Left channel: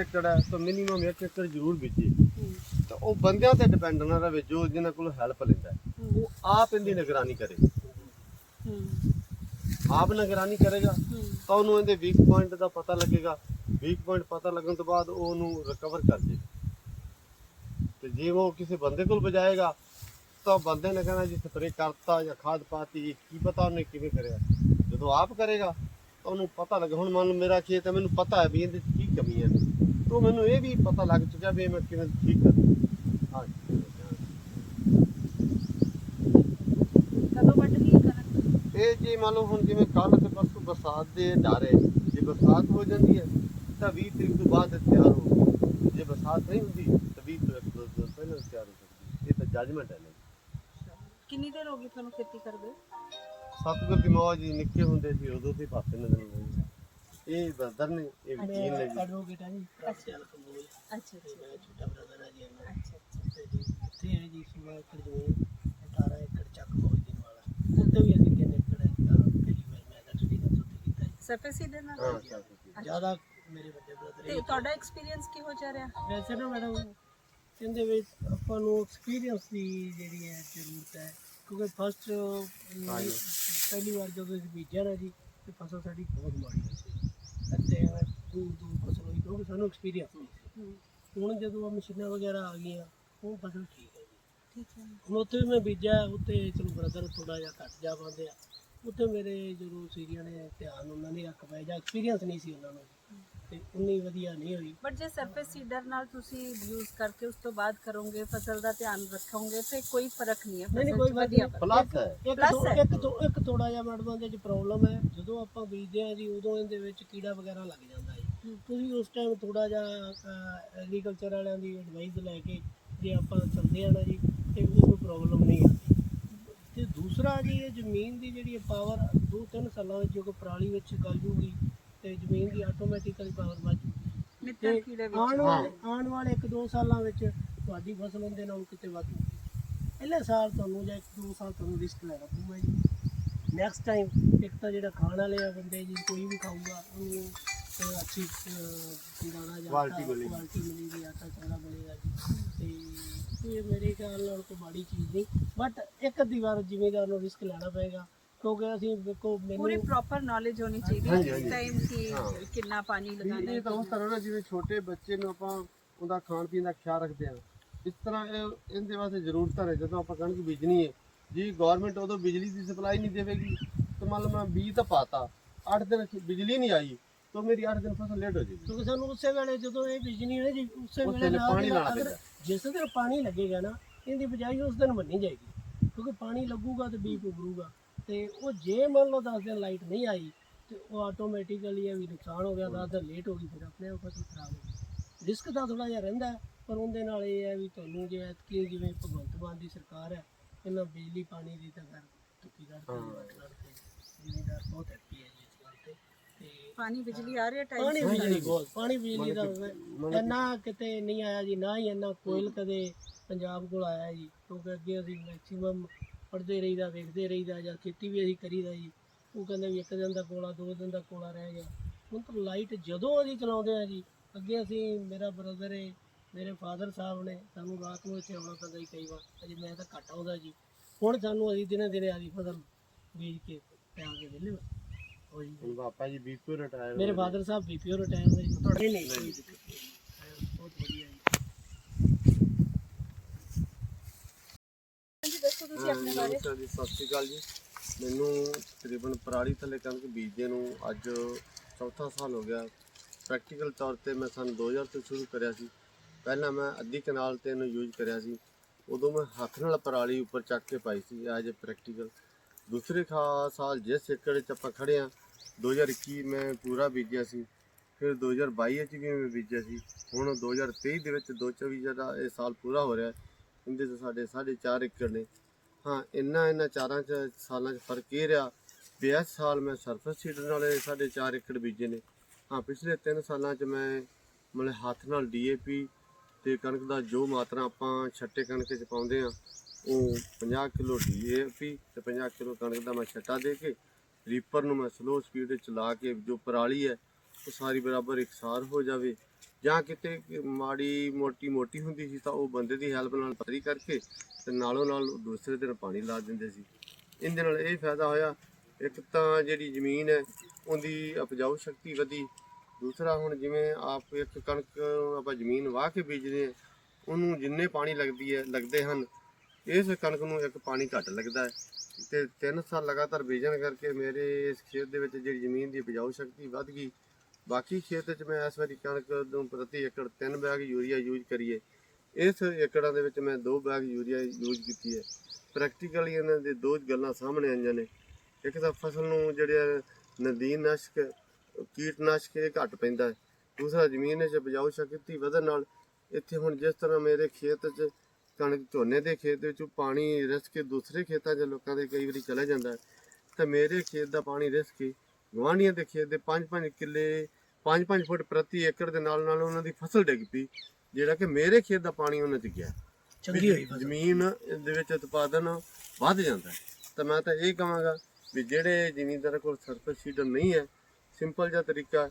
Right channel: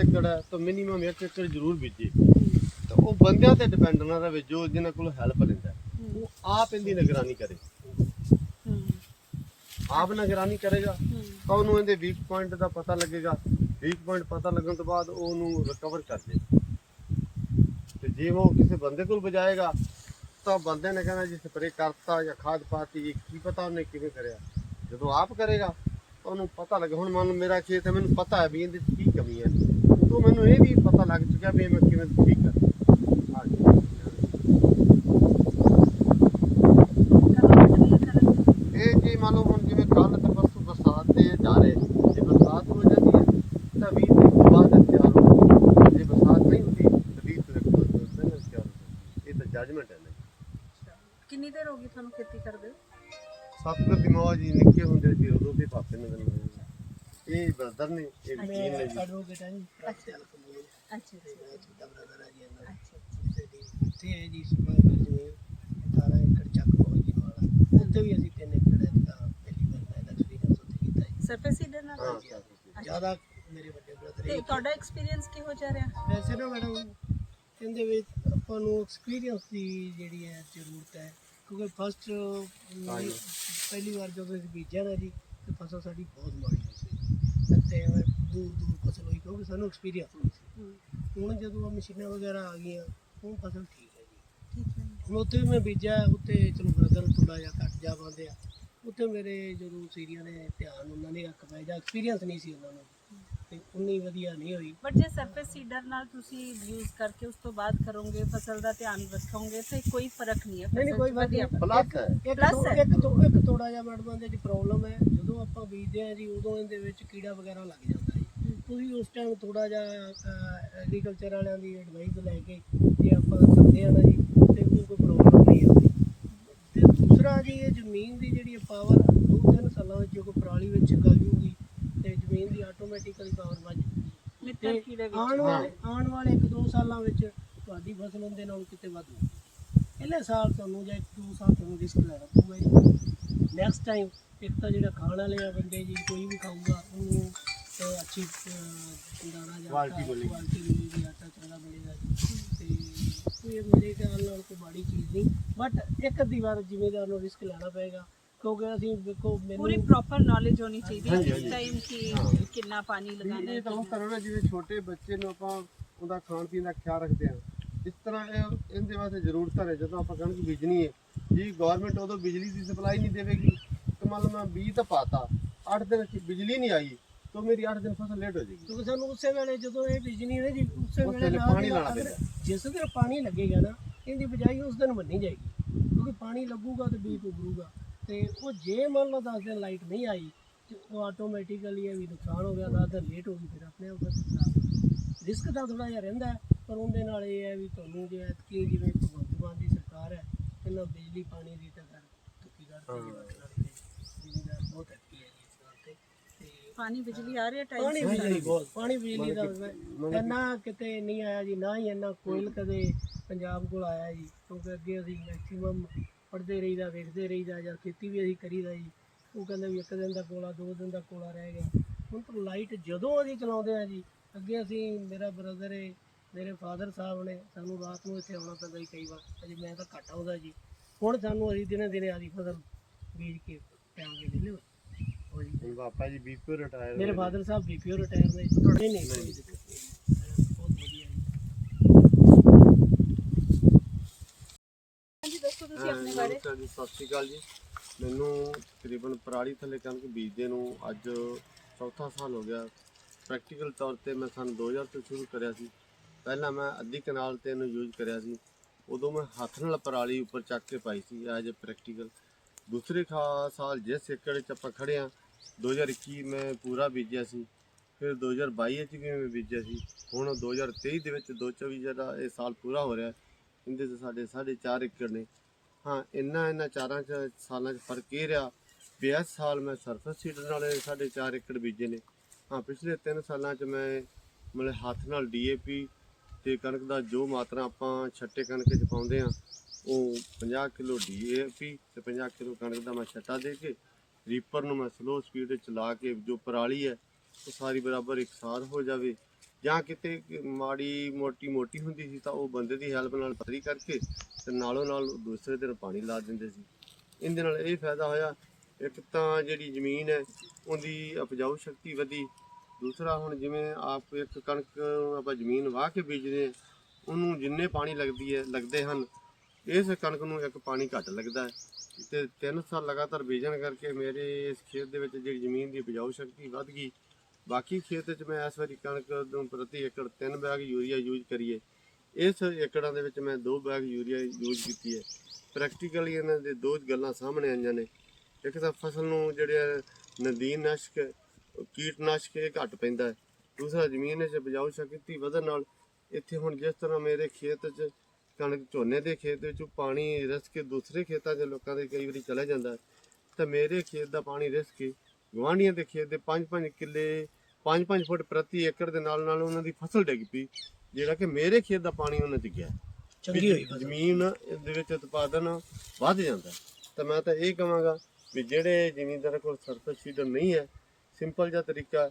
ਏਕੜ ਹੈ ਤਾਂ ਮਿਨੀਮਮ 1 ਏਕੜ ਜ਼ਰੂਰ ਬੀਜੇ ਤਾਂ ਉਹ ਬੰਦਿਆਂ ਤੇ ਡਿਪੈਂਡ ਨਾ ਰਵੇ ਜੋ ਜਿਨ੍ਹਾਂ ਕੋਲ ਹੈਲਪ ਲੈਂਦਾ। ਉਹ ਆਪ ਇਹਦੀ ਨਿਗਰਾਨੀ ਕਰੇ। ਆਪ ਨਿਗਰਾਨੀ ਕਰੇਗਾ ਤਾਂ ਉਹਨੂੰ ਇਹਦੇ ਵੀਕ ਪੁਆਇੰਟ ਦਾ ਪਤਾ ਲੱਗੇਗਾ। ਵੀਕ ਪੁਆਇੰਟ ਪਤਾ ਲੱਗਣ ਤੋਂ ਬਾਅਦ ਉਹ ਉਹਨੂੰ ਰਿਕਵਰ ਕਰ ਦੇ ਤੇ ਜੇ ਉਹ ਕਿਸੇ ਬੰਦੇ ਕੋਲ ਬਜਾਏਗਾ ਤਾਂ ਬੰਦੇ ਨੇ ਕਹਿਣਾ ਜੀ ਸਪਰੇ ਕਰਤਾ ਜਾਂ ਖਾਦ ਪਾਤੀ ਕੀ ਪਤਾ ਉਹਨੇ ਕਿਵੇਂ ਕਰਿਆ। ਜਦੋਂ ਆਪ ਕਰੇਗਾ ਤਾਂ ਉਹਨੂੰ ਪਤਾ ਲੱਗੇ। ਹੁਣ ਮੰਨ ਲਓ ਮੇਰਾ ਖੇਤ ਹੈ ਮੈਨੂੰ ਪਤਾ ਹੈ ਵੀ ਇਹਦੇ ਕੀ ਕਮੀਆਂ ਨੇ ਤਾਂ ਮੈਨੂੰ ਇਹ ਵੀ ਪਤਾ ਲੱਗ ਚੁੱਕਿਆ ਵੀ ਮੈਂ ਕਿਵੇਂ ਠੀਕ ਕਰਾਂ ਹਾਂਜੀ। ਇਹ ਜੀ ਮੰਨ ਲਓ ਹੁਣ ਜਿਵੇਂ ਕੱਲ ਤੇ ਪਰਸੋਂ ਬਰਸਾਤ ਦੇ ਡਾਰੇ ਜੇ ਬਰਸਾਤ ਹੋ ਜਾਂਦੀ ਹੈ ਤਾਂ 20 ਦਿਨ ਤੋਂ ਬਾਅਦ ਤਿਆਰ ਹੋ ਜੇ ਬਰਸਾਤ ਨਹੀਂ ਹੁੰਦੀ ਤਾਂ 20 ਤੋਂ ਇੱਕ ਦੋ ਦਿਨ ਪਹਿਲਾਂ ਤਿਆਰ ਹੋ ਜਾਂਦੀ ਇਹ ਤਾਂ ਜੱਜਮੈਂਟ ਹੈ ਨਾ। ਕਿੰਨੀ ਦੇਰ ਹੋ ਗਈ ਤੁਹਾਨੂੰ ਖੇਤੀ ਕਰਦੇ ਸਤਿਗੁਰ ਦੀ ਮੌਜ ਜੀ ਨਿੱਕੇ ਹੁੰਦੇ ਸੀ ਉਦੋਂ ਤੇ ਪਾਪੇ ਨੇ ਦਿਨ ਇਹ ਬਰਦਰ ਨੇ ਇਹ ਵਕੀਲ ਨੇ ਜੀ। ਐਡਵੋਕੇਟ ਹੈ ਜੀ ਕਮੂਲ। ਅੱਛਾ ਤੇ ਛੋਟਾ ਬ੍ਰਦਰ ਹੈ ਜੀ ਇਹਨਾਂ ਦਾ। ਅੱਛਾ ਅੱਛਾ। ਤੇ ਜੀ ਇੱਥੇ ਹੈ ਜੀ ਸਮਾਜ ਜ਼ਮੀਨ 18 ਏਕੜ ਚੱਕ ਜੀ ਵਾਲਾ। ਉੱਥੇ ਵੀ ਅਸੀਂ ਤਿੰਨ ਏਕੜ ਦਾ ਪਹਿਲੀ ਵਾਰ ਮੈਂ ਦਾ ਐਕਸਪੀਰੀਅੰਸ ਉੱਥੇ ਕੀਤਾ ਜੀ। ਸਰਫੇਸ ਨਾਲ? ਹਾਂ ਸਤਿਗੁਰ ਜ਼ਿਆਦਾ ਮੇਰੇ ਵੱਡੇ ਬ੍ਰਦਰ ਤੇ ਤੁਹਾਡਾ ਐਕਸਪੀਰੀਅੰਸ ਕਿਹੋ ਜਿਹਾ ਰਿਹਾ? ਵੈਸੇ ਨਾ ਮੈਡਮ ਇਹਦੇ ਵਿੱਚ ਆਪਾਂ ਨੂੰ ਐਕਸਪੀਰੀਅੰਸ ਦੀ ਜਿਹੜੀ ਹੈ ਜ਼ਰੂਰਤ ਹੈ। ਕਿਉਂਕਿ ਫਸਟ। ਪਹਿਲੀ ਵਾਰ ਜਦੋਂ ਅਸੀਂ ਬੀਜਿਆ ਨਾ ਜੀ ਤੇ ਫਸਲ ਸਾਡੀ ਬਹੁਤ ਮਾੜੀ ਹੋਈ। ਅਤੇ ਐਵੇਂ ਦੂਰ ਦੂਰ ਫਸਲ ਹੋਈ ਕਿਉਂਕਿ ਸਾਨੂੰ ਐਕਸਪੀਰੀਅੰਸ ਨਹੀਂ ਸੀ। ਹੁਣ ਜਦੋਂ ਆਹ ਮਸ਼ੀਨਾਂ ਵਗੈਰਾ ਆ ਗਈਆਂ ਹੁਣ ਫਸਲ ਠੀਕ ਹੈ ਜੀ। ਹੁਣ ਉੱਥੇ ਵੀ ਮੈਂ ਬੀਜਿਆ ਉੱਥੇ ਚਲੋ ਬ੍ਰਦਰ ਥੋੜਾ ਜਿਹਾ ਘੱਟ ਜਾ ਪਾਉਂਦੇ ਆ। ਉੱਥੇ ਮੇਰੇ ਜਦੋਂ ਸੀਰੀਆਂ ਨੇ ਧਿਆਨ ਉਹਨਾਂ ਨੇ ਰੱਖ ਪਾਇਆ ਜਾਂ ਐਕਸਪੀਰੀਅੰਸ ਨਹੀਂ ਸੀ ਉਹਨਾਂ ਨੂੰ। ਤੇ ਉਨੀ ਵਧੀਆ ਨਹੀਂ ਹੋਈ। ਬਟ ਜੇ ਸਰਫੇਸ ਸੀਡਰ ਨਾਲ ਤੁਸੀਂ ਯੂਜ਼ ਕਰਕੇ ਉਸ ਤੋਂ ਬਾਅਦ ਕਰੋਗੇ ਫਸਲ ਦਾ ਧਿਆਨ ਰੱਖੋਗੇ ਤੇ ਕੋਈ ਫ਼ਰਕ ਨਹੀਂ ਹੈ। ਨਹੀਂ ਕੋਈ ਵਧੀਆ ਪਲੱਸ ਇੱਕ। ਇੱਕ ਇੱਕ ਥੋੜਾ ਜਿਹਾ ਮੈਡਮ ਦੇ ਵਿੱਚ ਪ੍ਰੋਬਲਮ ਹੈ ਜਦੋਂ ਆਪਾਂ ਬੀਜਦੇ ਆ ਜੀ ਉਦੋਂ ਇਹਦੇ ਵਿੱਚ ਕੀੜਾ ਵਗੈਰਾ ਲੱਗ ਜਾਂਦਾ ਹੈ। ਤੁਸੀਂ ਉਸ ਟਾਈਮ ਥੋੜਾ ਜਿਹਾ ਐਗਰੀਕਲਚਰ ਵਾਲਿਆਂ ਦੀ ਐਡਵਾਈਸ ਲੈ ਕੇ ਜੇ ਆਪਾਂ ਕਰਦੇ ਆ ਨਾ ਜੀ ਤੇ ਉਹ ਕੋਈ ਪ੍ਰੋਬਲਮ ਨਹੀਂ ਆਉਂਦੀ। ਤੇ ਦੂਸਰਾ ਜੀ ਇਹ ਜ਼ਮੀਨ ਦੀ ਜਿਹੜੀ ਪਾਵਰ ਦੋ ਤਿੰਨ ਸਾਲਾਂ ਵਿੱਚ ਜੋ ਕੋਈ ਪਰਾਲੀ ਵਿੱਚ ਗਲ ਜੂਗੀ ਤੇ ਜ਼ਮੀਨ ਦੀ ਆਟੋਮੈਟਿਕਲੀ ਪਾਵਰ ਵੱਧ ਜੂਗੀ ਮਿੱਤਰ ਤੇ ਕੀੜੇ ਆਉਣ ਵਿੱਚ ਵਾਲੇ ਆਉਣ ਵਾਲੇ 1-2 ਸਾਲਾਂ ਵਿੱਚ ਤੁਹਾਡੀ ਫਸਲ ਉਹਦੇ ਨਾਲੋਂ ਕਿਤੇ ਵੱਧ ਪਹਿਲੇ ਸਾਲ ਤੁਹਾਨੂੰ ਜਾਂ 1-2 ਸਾਲ ਤੁਹਾਨੂੰ ਰਿਸਕ ਲੈਣਾ ਪਊਗਾ ਜੀ। ਨੈਕਸਟ ਟਾਈਮ ਇੱਕ ਤਾਂ ਜਿਹੜਾ ਖਾਣ ਵਾਲੇ ਆ ਬੰਦੇ ਜੀ ਕੋਈ ਵੀ ਖਾਊਗਾ ਉਹਨੂੰ ਅਹ, ਅੱਛੀ ਅਹ, ਦਾਣਾ ਜਾਂ Quality ਮਿਲੇਗੀ। ਕੁਆਲਿਟੀ ਮਿਲੇਗੀ ਆਟਾ ਚੰਗਾ ਮਿਲੇਗਾ ਜੀ। ਤੇ ਇਹ ਮੇਰੇ ਖਿਆਲ ਨਾਲ ਕੋਈ ਮਾੜੀ ਚੀਜ਼ ਨਹੀਂ। ਬਟ ਇੱਕ ਅੱਧੀ ਵਾਰ ਜ਼ਿਮੀਦਾਰ ਨੂੰ ਰਿਸਕ ਲੈਣਾ ਪਏਗਾ। ਕਿਉਂਕਿ ਅਸੀਂ ਵੇਖੋ ਪੂਰੀ ਮੈਨੂੰ ਪ੍ਰੋਪਰ ਨੌਲੇਜ ਹੋਣੀ ਚਾਹੀਦੀ ਹੈ ਹਾਂਜੀ, ਇਸ। ਟਾਈਮ ਕਿ ਹਾਂ। ਕਿੰਨਾ ਪਾਣੀ ਵੀ ਲਗਾਉਣਾ ਇਹ ਤਾਂ ਉਸ ਤਰ੍ਹਾਂ ਨਾ ਜਿਵੇਂ ਛੋਟੇ ਬੱਚੇ ਨੂੰ ਆਪਾਂ ਉਹਦਾ ਖਾਣ ਪੀਣ ਦਾ ਖਿਆਲ ਰੱਖਦੇ ਆ ਇਸ ਤਰ੍ਹਾਂ ਇਹ ਇਹਦੇ ਵਾਸਤੇ ਜ਼ਰੂਰਤਾਂ ਨੇ ਜਦੋਂ ਆਪਾਂ ਕਣਕ ਬੀਜਣੀ ਹੈ ਜੀ ਗਵਰਨਮੈਂਟ ਉਦੋਂ ਬਿਜਲੀ ਦੀ ਸਪਲਾਈ ਨਹੀਂ ਦੇਵੇਗੀ ਤੇ ਮੰਨ ਲਓ ਮੈਂ ਬੀਜ ਤਾਂ ਪਾਤਾ 8 ਦਿਨ ਚ ਬਿਜਲੀ ਨਹੀਂ ਆਈ ਤਾਂ ਮੇਰੀ 8 ਦਿਨ ਫਸਲ ਲੇਟ ਹੋ ਜਾਏਗੀ ਕਿਉਂਕਿ ਸਾਨੂੰ ਉਸੇ ਵੇਲੇ ਜਦੋਂ ਇਹ ਬੀਜਣੀ ਹੈ ਜੀ ਉਸੇ ਉਸੇ ਵੇਲੇ ਵੇਲੇ ਨਾਲ ਪਾਣੀ ਦੀ ਲਾਉਣਾ ਅਗਰ ਪੈਂਦਾ। ਜਿਸ ਦਿਨ ਪਾਣੀ ਲੱਗੇਗਾ ਨਾ ਇਹਦੀ ਬਜਾਈ ਉਸ ਦਿਨ ਮੰਨੀ ਜਾਏਗੀ ਕਿਉਂਕਿ ਪਾਣੀ ਲੱਗੂਗਾ ਤੇ ਬੀਜ ਉਗਰੂਗਾ ਤੇ ਉਹ ਜੇ ਮੰਨ ਲਓ 10 ਦਿਨ ਲਾਈਟ ਨਹੀਂ ਆਈ ਤੇ ਉਹ ਆਟੋਮੈਟਿਕਲੀ ਇਹ ਵੀ ਨੁਕਸਾਨ ਹੋ ਗਿਆ 10 ਦਿਨ ਲੇਟ ਹੋ ਗਈ ਫਿਰ ਆਪਣੇ ਆਪ ਫਸਲ ਖਰਾਬ ਹੋ ਗਈ ਰਿਸਕ ਤਾਂ ਥੋੜਾ ਜਿਹਾ ਰਹਿੰਦਾ ਪਰ ਉਹਦੇ ਨਾਲ ਇਹ ਹੈ ਵੀ ਤੁਹਾਨੂੰ ਜੇ ਐਤਕੀ ਜਿਵੇਂ ਭਗਵੰਤ ਮਾਨ ਦੀ ਸਰਕਾਰ ਹੈ ਪਹਿਲਾਂ ਬਿਜਲੀ ਪਾਣੀ ਦੀ ਤਾਂ ਕਰ ਤੁਕੀ ਕਰਦੇ ਜੀ ਵੱਟ ਕਰਦੇ ਜ਼ਿਮੀਦਾਰ ਬਹੁਤ ਹੈਪੀ ਹੈ ਇਸ ਗੱਲ ਤੇ। ਤੇ ਪਾਣੀ ਬਿਜਲੀ ਆ ਰਹੀ ਹੈ ਟਾਈਮ ਪਾਣੀ? ਬਿਜਲੀ ਬਹੁਤ ਪਾਣੀ ਬਿਜਲੀ ਦਾ ਇੰਨਾ ਕਿਤੇ ਨਹੀਂ ਆਇਆ ਜੀ ਨਾ ਹੀ ਇੰਨਾ ਕੋਇਲ ਕਦੇ ਪੰਜਾਬ ਕੋਲ ਆਇਆ ਜੀ ਕਿਉਂਕਿ ਅੱਗੇ ਅਸੀਂ ਮੈਕਸਿਮਮ ਪੜ੍ਹਦੇ ਰਹੀਦਾ ਵੇਖਦੇ ਰਹੀਦਾ ਜਾਂ ਖੇਤੀ ਵੀ ਅਸੀਂ ਕਰੀਦਾ ਜੀ। ਉਹ ਕਹਿੰਦੇ ਵੀ ਇੱਕ ਦਿਨ ਦਾ ਕੋਲਾ ਦੋ ਦਿਨ ਦਾ ਕੋਲਾ ਰਹਿ ਗਿਆ। ਹੁਣ ਤਾਂ ਲਾਈਟ ਜਦੋਂ ਅਸੀਂ ਚਲਾਉਂਦੇ ਆ ਜੀ ਅੱਗੇ ਅਸੀਂ ਮੇਰਾ ਬ੍ਰਦਰ ਹੈ ਮੇਰੇ ਫਾਦਰ ਸਾਹਿਬ ਨੇ ਸਾਨੂੰ ਰਾਤ ਨੂੰ ਇੱਥੇ ਆਉਣਾ ਪੈਂਦਾ ਜੀ ਕਈ ਵਾਰ। ਅਜੇ ਮੈਂ ਤਾਂ ਘੱਟ ਆਉਂਦਾ ਜੀ। ਹੁਣ ਸਾਨੂੰ ਅਸੀਂ ਦਿਨੇ ਦਿਨੇ ਆਦੀ ਫਸਲ ਬੀਜ ਕੇ ਪਿਆ ਕੇ ਵਿਹਲੇ ਹੋ। ਜੀ। ਪਾਪਾ ਜੀ ਬੀਪੀ ਰਿਟਾਇਰ ਮੇਰੇ ਫਾਦਰ ਸਾਹਿਬ ਬੀਪੀਓ ਰਿਟਾਇਰ ਨੇ ਨਹੀਂ ਕੋਈ ਦਿੱਕਤ ਨਹੀਂ। ਬਹੁਤ ਵਧੀਆ ਜੀ ਆਪਣੇ ਬਾਰੇ? ਨਮਸਕਾਰ ਜੀ ਸਤਿ ਸ਼੍ਰੀ ਅਕਾਲ ਜੀ। ਮੈਨੂੰ ਤਕਰੀਬਨ ਪਰਾਲੀ ਥੱਲੇ ਕਣਕ ਬੀਜਦੇ ਨੂੰ ਅੱਜ ਚੌਥਾ ਸਾਲ ਹੋ ਗਿਆ। ਪ੍ਰੈਕਟੀਕਲ ਤੌਰ ਤੇ ਮੈਂ ਸਨ 2000 ਤੋਂ ਸ਼ੁਰੂ ਕਰਿਆ ਸੀ। ਪਹਿਲਾਂ ਮੈਂ ਅੱਧੀ ਕਨਾਲ ਤੇ ਇਹਨੂੰ ਯੂਜ਼ ਕਰਿਆ ਸੀ। ਉਦੋਂ ਮੈਂ ਹੱਥ ਨਾਲ ਪਰਾਲੀ ਉੱਪਰ ਚੱਕ ਕੇ ਪਾਈ ਸੀ ਐਜ ਅ ਪ੍ਰੈਕਟੀਕਲ ਦੂਸਰੇ ਖਾ ਸਾਲ ਜਿਸ ਏਕੜ 'ਚ ਆਪਾਂ ਖੜੇ ਆ 2021 ਮੈਂ ਪੂਰਾ ਬੀਜਿਆ ਸੀ। ਫਿਰ 2022 ਵਿੱਚ ਵੀ ਮੈਂ ਬੀਜਿਆ ਸੀ। ਹੁਣ 2023 ਦੇ ਵਿੱਚ 2024 ਜਿਹੜਾ ਇਹ ਸਾਲ ਪੂਰਾ ਹੋ ਰਿਹਾ। ਹੈ, ਇਹਦੇ 'ਚ ਸਾਡੇ 4.5 ਏਕੜ ਨੇ। ਹਾਂ, ਇੰਨਾ ਇਹਨਾਂ ਚਾਰਾਂ ਚ ਸਾਲਾਂ 'ਚ ਫ਼ਰਕ ਇਹ ਰਿਹਾ ਵੀ ਇਸ ਸਾਲ ਮੈਂ ਸਰਫਸ ਸੀਡਰ ਨਾਲ ਸਾਡੇ ਚਾਰ ਏਕੜ ਬੀਜੇ ਨੇ। ਹਾਂ, ਪਿਛਲੇ 3 ਸਾਲਾਂ 'ਚ ਮੈਂ ਮਤਲਬ ਹੱਥ ਨਾਲ ਡੀਏਪੀ ਤੇ ਕਣਕ ਦਾ ਜੋ ਮਾਤਰਾ ਆਪਾਂ ਛੱਟੇ ਕਣਕ 'ਚ ਪਾਉਂਦੇ ਆ ਉਹ 50 ਕਿਲੋ ਡੀਏਪੀ ਤੇ 50 ਕਿਲੋ ਕਣਕ ਦਾ ਮੈਂ ਛੱਟਾ ਦੇ ਕੇ ਰੀਪਰ ਨੂੰ ਮੈਂ ਸਲੋ ਸਪੀਡ 'ਚ ਚਲਾ ਕੇ ਜੋ ਪਰਾਲੀ ਹੈ, ਉਹ ਸਾਰੀ ਬਰਾਬਰ ਇਕਸਾਰ ਹੋ ਜਾਵੇ। ਜਾਂ ਕਿਤੇ ਮਾੜੀ ਮੋਟੀ ਮੋਟੀ ਹੁੰਦੀ ਸੀ ਤਾਂ ਉਹ ਬੰਦੇ ਦੀ ਹੈਲਪ ਨਾਲ ਪਤਲੀ ਕਰਕੇ ਤੇ ਨਾਲੋਂ ਨਾਲ ਦੂਸਰੇ ਦਿਨ ਪਾਣੀ ਲਾ ਦਿੰਦੇ ਸੀ। ਇਹਦੇ ਨਾਲ ਇਹ ਫਾਇਦਾ ਹੋਇਆ, ਇੱਕ ਤਾਂ ਜਿਹੜੀ ਜ਼ਮੀਨ ਹੈ, ਉਹਦੀ ਉਪਜਾਊ ਸ਼ਕਤੀ ਵਧੀ। ਦੂਸਰਾ ਹੁਣ ਜਿਵੇਂ ਆਪ ਇੱਕ ਕਣਕ ਆਪਾਂ ਜ਼ਮੀਨ ਵਾਹ ਕੇ ਬੀਜਦੇ ਹਾਂ, ਉਹਨੂੰ ਜਿੰਨੇ ਪਾਣੀ ਲੱਗਦੀ ਹੈ, ਲੱਗਦੇ ਹਨ, ਇਸ ਕਣਕ ਨੂੰ ਇੱਕ ਪਾਣੀ ਘੱਟ ਲੱਗਦਾ ਹੈ। ਤੇ 3 ਸਾਲ ਲਗਾਤਾਰ ਬੀਜਣ ਕਰਕੇ ਮੇਰੇ ਇਸ ਖੇਤ ਦੇ ਵਿੱਚ ਜਿਹੜੀ ਜ਼ਮੀਨ ਦੀ ਉਪਜਾਊ ਸ਼ਕਤੀ ਵੱਧ ਗਈ। ਬਾਕੀ ਖੇਤ 'ਚ ਮੈਂ ਇਸ ਵਾਰੀ ਕਣਕ ਨੂੰ ਪ੍ਰਤੀ ਏਕੜ 3 ਬੈਗ ਯੂਰੀਆ ਯੂਜ਼ ਕਰੀਏ। ਇਸ ਏਕੜਾਂ ਦੇ ਵਿੱਚ ਮੈਂ 2 ਬੈਗ ਯੂਰੀਆ ਯੂਜ਼ ਕੀਤੀ ਹੈ। ਪ੍ਰੈਕਟੀਕਲੀ ਇਹਨਾਂ ਦੇ ਦੋ ਗੱਲਾਂ ਸਾਹਮਣੇ ਆਈਆਂ ਨੇ। ਇੱਕ ਤਾਂ ਫਸਲ ਨੂੰ ਜਿਹੜੇ ਨਦੀਨ ਨਾਸ਼ਕ, ਕੀਟਨਾਸ਼ਕ ਇਹ ਘੱਟ ਪੈਂਦਾ ਹੈ। ਦੂਸਰਾ ਜ਼ਮੀਨ 'ਚ ਉਪਜਾਊ ਸ਼ਕਤੀ ਵਧਣ ਨਾਲ ਇੱਥੇ ਹੁਣ ਜਿਸ ਤਰ੍ਹਾਂ ਮੇਰੇ ਖੇਤ 'ਚ ਕਣਕ ਝੋਨੇ ਦੇ ਖੇਤ ਵਿੱਚ ਪਾਣੀ ਰਿਸ ਕੇ ਦੂਸਰੇ ਖੇਤਾਂ 'ਚ ਲੋਕਾਂ ਦੇ ਕਈ ਵਾਰੀ ਚਲੇ ਜਾਂਦਾ ਤਾਂ ਮੇਰੇ ਖੇਤ ਦਾ ਪਾਣੀ ਰਿਸ ਕੇ ਗੁਆਂਢੀਆਂ ਦੇ ਖੇਤ ਦੇ 5-5 ਕਿੱਲੇ 5-5 ਫੁੱਟ ਪ੍ਰਤੀ ਏਕੜ ਦੇ ਨਾਲ ਨਾਲ ਉਹਨਾਂ ਦੀ ਫਸਲ ਡਿੱਗ ਪਈ ਜਿਹੜਾ ਕਿ ਮੇਰੇ ਖੇਤ ਦਾ ਪਾਣੀ ਉਹਨਾਂ 'ਚ ਗਿਆ ਚੰਗੀ ਹੋਈ ਜ਼ਮੀਨ ਦੇ ਵਿੱਚ ਉਤਪਾਦਨ ਵੱਧ ਜਾਂਦਾ। ਤਾਂ ਮੈਂ ਤਾਂ ਇਹ ਕਹਾਂਗਾ ਵੀ ਜਿਹੜੇ ਜ਼ਿਮੀਂਦਾਰਾਂ ਕੋਲ ਸਰਫੇਸ ਸੀਡਰ ਨਹੀਂ ਹੈ ਸਿੰਪਲ ਜਿਹਾ ਤਰੀਕਾ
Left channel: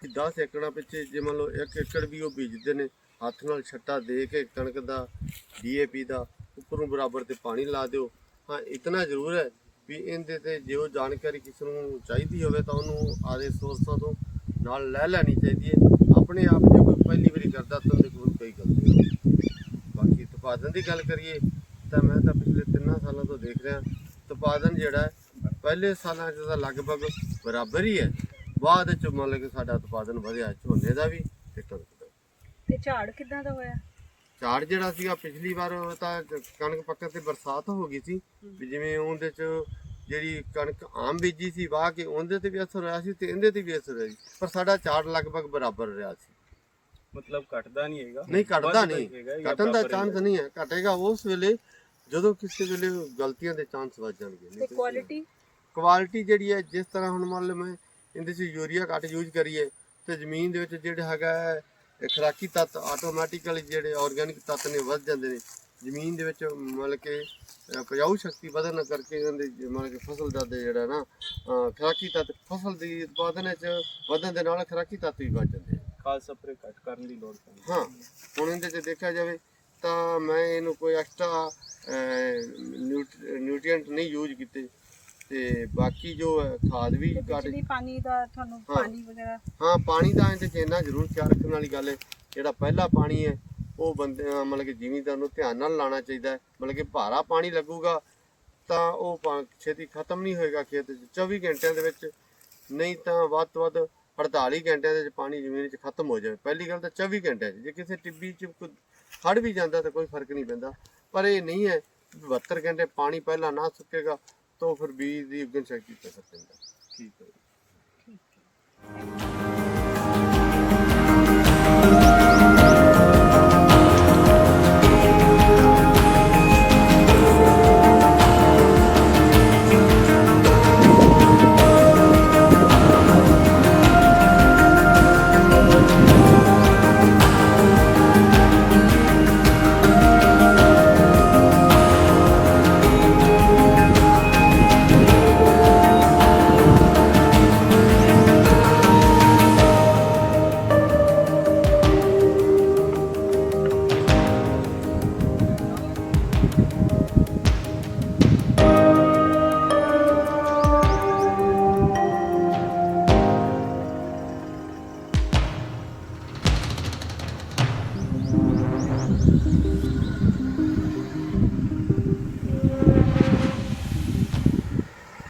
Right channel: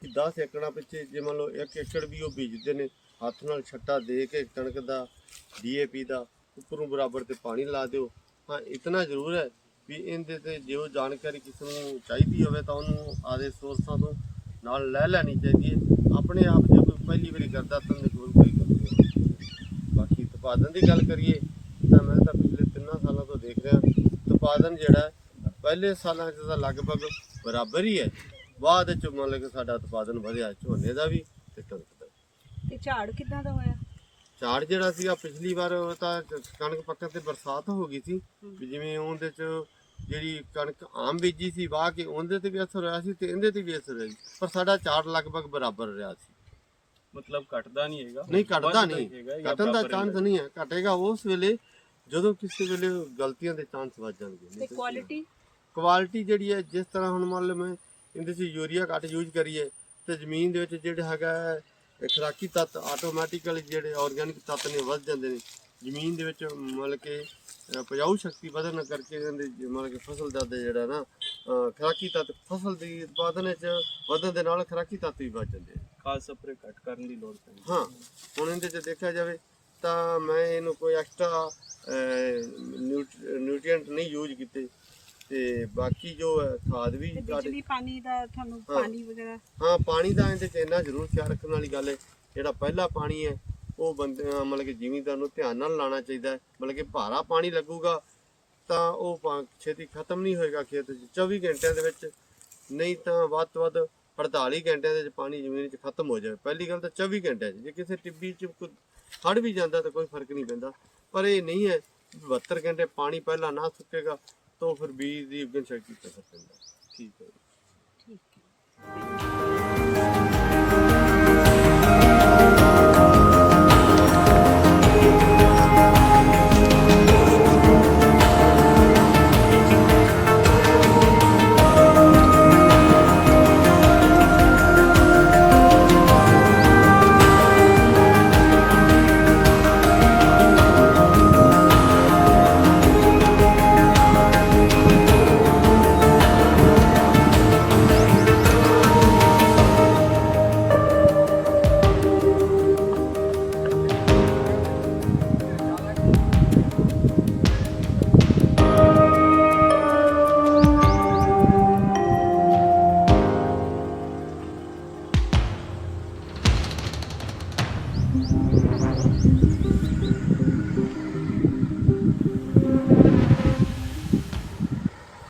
ਕਿ 10 ਏਕੜਾਂ ਪਿੱਛੇ ਜੇ ਮੰਨ ਲਓ 1 ਏਕੜ ਵੀ ਉਹ ਬੀਜਦੇ ਨੇ ਹੱਥ ਨਾਲ ਛੱਟਾ ਦੇ ਕੇ ਕਣਕ ਦਾ ਡੀਏਪੀ ਦਾ ਉੱਪਰੋਂ ਬਰਾਬਰ ਤੇ ਪਾਣੀ ਲਾ ਦਿਓ ਹਾਂ ਇਤਨਾ ਜ਼ਰੂਰ ਹੈ ਵੀ ਇਹਦੇ ਤੇ ਜੋ ਜਾਣਕਾਰੀ ਕਿਸੇ ਨੂੰ ਚਾਹੀਦੀ ਹੋਵੇ ਤਾਂ ਉਹਨੂੰ ਆਦੇ ਸੋਰਸਾਂ ਤੋਂ ਨਾਲ ਲੈ ਲੈਣੀ ਚਾਹੀਦੀ ਹੈ। ਆਪਣੇ ਆਪ ਜੇ ਕੋਈ ਪਹਿਲੀ ਵਾਰੀ ਕਰਦਾ ਤਾਂ ਉਹਦੇ ਕੋਲ ਕੋਈ ਗਲਤੀ ਨਹੀਂ ਬਾਕੀ ਉਤਪਾਦਨ ਦੀ ਗੱਲ ਕਰੀਏ ਤਾਂ ਮੈਂ ਤਾਂ ਪਿਛਲੇ 3 ਸਾਲਾਂ ਤੋਂ ਦੇਖ ਰਿਹਾ। ਉਤਪਾਦਨ ਜਿਹੜਾ ਪਹਿਲੇ ਸਾਲਾਂ 'ਚ ਤਾਂ ਲਗਭਗ ਬਰਾਬਰ ਹੀ ਹੈ। ਬਾਅਦ 'ਚ ਮਤਲਬ ਕਿ ਸਾਡਾ ਉਤਪਾਦਨ ਵਧਿਆ, ਝੋਨੇ ਦਾ ਵੀ ਤੇ ਕਣਕ ਦਾ ਵੀ। ਤੇ ਝਾੜ ਕਿੱਦਾਂ ਦਾ ਹੋਇਆ? ਝਾੜ ਜਿਹੜਾ ਸੀਗਾ ਪਿਛਲੀ ਵਾਰ ਉਹ ਤਾਂ ਕਣਕ ਪੱਕਣ ਤੇ ਬਰਸਾਤ ਹੋ ਗਈ ਸੀ। ਵੀ ਜਿਵੇਂ ਉਹਦੇ 'ਚ ਜਿਹੜੀ ਕਣਕ ਆਮ ਬੀਜੀ ਸੀ ਵਾਹ ਕੇ ਉਹਦੇ ਤੇ ਵੀ ਅਸਰ ਹੋਇਆ ਸੀ ਤੇ ਇਹਦੇ ਤੇ ਵੀ ਅਸਰ ਹੋਇਆ ਸੀ। ਪਰ ਸਾਡਾ ਝਾੜ ਲਗਭਗ ਬਰਾਬਰ ਰਿਹਾ ਸੀ। ਮਤਲਬ ਘਟਦਾ ਨਹੀਂ ਹੈਗਾ। ਨਹੀਂ ਘਟਦਾ ਨਹੀਂ। ਘਟਣ ਦਾ ਚਾਂਸ ਨਹੀਂ ਹੈ। ਘਟੇਗਾ ਉਸ ਵੇਲੇ ਜਦੋਂ ਕਿਸੇ ਵੇਲੇ ਗਲਤੀਆਂ ਦੇ ਚਾਂਸ ਵੱਧ ਜਾਣਗੇ। ਤੇ ਕੁਆਲਿਟੀ ਕੁਆਲਿਟੀ ਜਿਹੜੀ ਹੈ ਜਿਸ ਤਰ੍ਹਾਂ ਹੁਣ ਮੰਨ ਲਓ ਮੈਂ ਇਹਦੇ 'ਚ ਯੂਰੀਆ ਘੱਟ ਯੂਜ਼ ਕਰੀਏ ਤੇ ਜ਼ਮੀਨ ਦੇ ਵਿੱਚ ਜਿਹੜਾ ਹੈਗਾ ਖੁਰਾਕੀ ਤੱਤ ਆਟੋਮੈਟਿਕਲੀ ਜਿਹੜੇ ਆਰਗੈਨਿਕ ਤੱਤ ਨੇ ਵੱਧ ਜਾਂਦੇ ਨੇ। ਜ਼ਮੀਨ ਦੇ ਵਿੱਚ ਮਤਲਬ ਕਿ ਅ, ਉਪਜਾਊ ਸ਼ਕਤੀ ਵਧਣ ਕਰਕੇ ਇਹਦੇ ਮਤਲਬ ਕਿ ਫਸਲ ਦਾ ਜਿਹੜਾ ਨਾ ਖੁਰਾਕੀ ਤੱਤ ਫਸਲ ਦੀ ਉਤਪਾਦਨ ਵਿੱਚ ਵਧਣ ਦੇ ਨਾਲ ਖੁਰਾਕੀ ਤੱਤ ਵੀ ਵੱਧ ਜਾਂਦੇ ਖਾਸ ਸਪਰੇ ਘਟ ਕਰਨ ਦੀ ਲੋੜ ਪੈਂਦੀ ਹਾਂ। ਹੁਣ ਇਹਦੇ 'ਚ ਦੇਖਿਆ ਜਾਵੇ ਤਾਂ ਮੈਂ ਇਹਨੂੰ ਕੋਈ ਐਕਸਟਰਾ ਨਿਊਟ੍ਰੀਐਂਟ ਨਹੀਂ ਯੂਜ਼ ਕੀਤੇ। ਤੇ ਬਾਕੀ ਜੋ ਹੈ ਖਾਦ ਵੀ ਤੇ ਘੱਟ ਬਿਜਲੀ ਪਾਣੀ ਦਾ ਤੁਹਾਨੂੰ ਹਾਂ। ਪਾਣੀ ਵਗੈਰਾ? ਹਾਂ ਪਾਣੀ ਦਾ ਇਹਦੇ 'ਚ ਇੰਨਾ ਜ਼ਰੂਰ ਖਿਆਲ ਰੱਖਣ ਵਾਲੀ ਗੱਲ ਹੈ ਜਿਹੜਾ ਪਹਿਲਾ ਪਾਣੀ ਹੈ ਉਹ ਬੰਦੇ ਅਹ ਮਤਲਬ ਕਿ ਜ਼ਿਮੀਂਦਾਰ ਨੂੰ ਧਿਆਨ ਨਾਲ ਲਾਣਾ ਚਾਹੀਦਾ ਹੈ। ਮਤਲਬ ਕਿ ਭਾਰਾ ਪਾਣੀ ਲੱਗੂਗਾ ਤਾਂ ਉਹ ਪਾ- ਛੇਤੀ ਖਤਮ ਨਹੀਂ ਹੋਏਗਾ ਖੇਤ 'ਚ। 24 ਘੰਟਿਆਂ ਦੇ ਵਿੱਚ ਨਹੀਂ ਤਾਂ ਵੱਧ ਤੋਂ ਵੱਧ 48 ਘੰਟਿਆਂ ਦੇ ਵਿੱਚ ਪਾਣੀ ਜ਼ਮੀਨ 'ਚ ਖਤਮ ਹੋ ਜਾਵੇ। ਪਹਿਲੀ ਗੱਲ ਤਾਂ 24 ਘੰਟਿਆਂ 'ਚ। ਜੇ ਕਿਸੇ ਟਿੱਬੀ 'ਚ ਕੋਈ ਹੜ ਵੀ ਜਾਂਦਾ ਤਾਂ ਕੋਈ ਫ਼ਰਕ ਨਹੀਂ ਪੈਂਦਾ। ਪਰ ਇਹ ਨਹੀਂ ਹੈ 72 ਘੰਟੇ ਪਾਣੀ ਪਹਿਲਾਂ ਨਾ ਸੁੱਕੇਗਾ ਤੋਂ ਫਿਰ ਬੀਜ ਦੀ ਉਗਣ ਸ਼ਕਤੀ ਤੇ ਪੈਂਦਾ ਠੀਕ ਹੈ ਠੀਕ ਹੈ।